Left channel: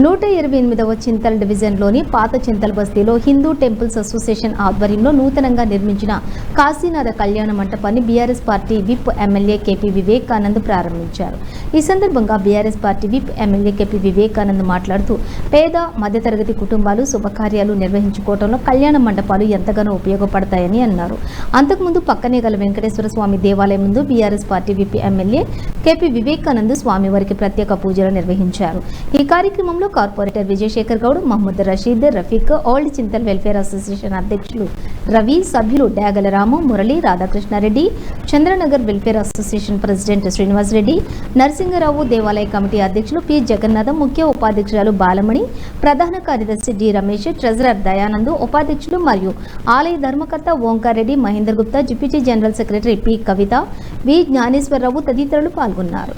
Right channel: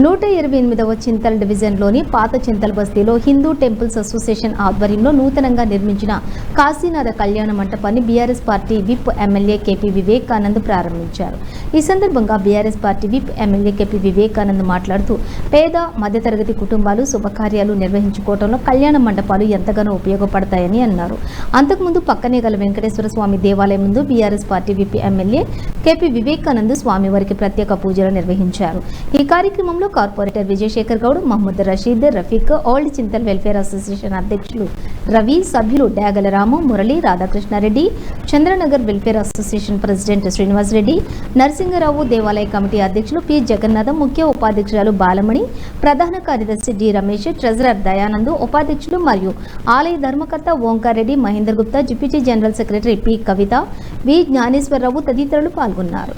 128వ చింతల్ డివిజన్లోని పాత చింతల్ బస్తీలో హిందూ టెంపుల్స్ అసోసియేషన్ ఆధ్వర్యంలో నూతనంగా నిర్మించిన కాశీనాథ కళ్యాణ మంటపాన్ని BRS party whip MLA KP Vivekanand ప్రారంభించారు. ఈ సందర్భంగా BRS party whip MLA KP Vivekanand మాట్లాడుతూ పేద మధ్యతరగతి కుటుంబాలు శుభకార్యాలు నిర్వహించుకోవడంలో కళ్యాణ మండపాలు ఎంతగానో ఉపయోగపడతాయని అన్నారు. అంతకుముందు పక్కనే గల వెంకటేశ్వర స్వామి దేవాలయం ముందు BRS party whip MLA KP Vivekanand స్వామివారికి ప్రత్యేక పూజలు నిర్వహించారు. ఈ కార్యక్రమంలో corporator Vijayashekar Goud, Mohammed Rasheed, Rafiq, old Chintal welfare association అధ్యక్షులు రవి, సభ్యులు Dagala Ramu, Murali, Radhakrishna Reddy, Chandranagar welfare association president Srinivas Reddy, Narasinga Rao, దేవాలయ కమిటీ అధ్యక్షులు పి జగన్నాథం, ముఖ్య ఉపాధ్యక్షురాలు బాలమణి, ప్రధాన కార్యదర్శి డి రమేష్, ట్రెజరర్ దయానంద్, ఉపాధ్యక్షులు మరియు ఆలయ ధర్మకర్త Omkar Reddy, Mahender Gupta, deputy general secretary P Kavitha, V Gnaneswara Rao తదితరులు పాల్గొన్నారు.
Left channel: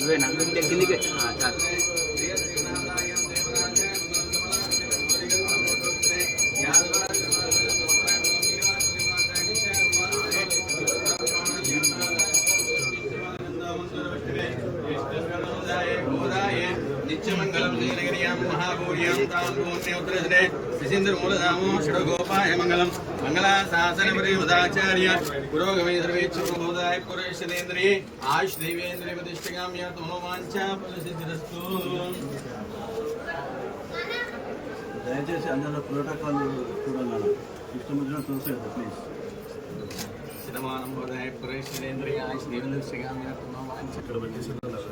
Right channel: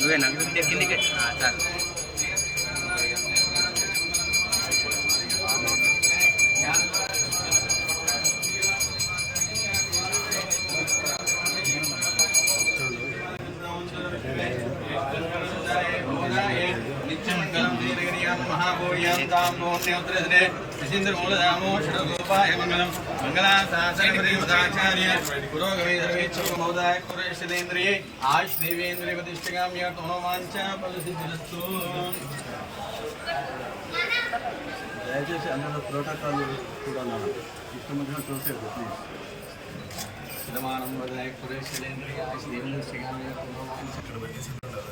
నువ్వే నాకు కిందికి చాలు. मंगलाचार्य पुरोगमे सर्वेच्छोदाय पुरुषेन्द्रिये आयुष देवेन्द्रिय प्रतिष्ठिकाम्य मनोवांछा फलसिद्धिरस्तु. దయచేసి అందరూ ప్రోటోకాల్ కూడా ఉన్నారు. ఇష్టమైన చూసేది ప్లీజ్. సిద్ధమానం వదాయ పురుషేంద్రియ ఆయుష్ దేవేంద్రియ మనోవాంఛా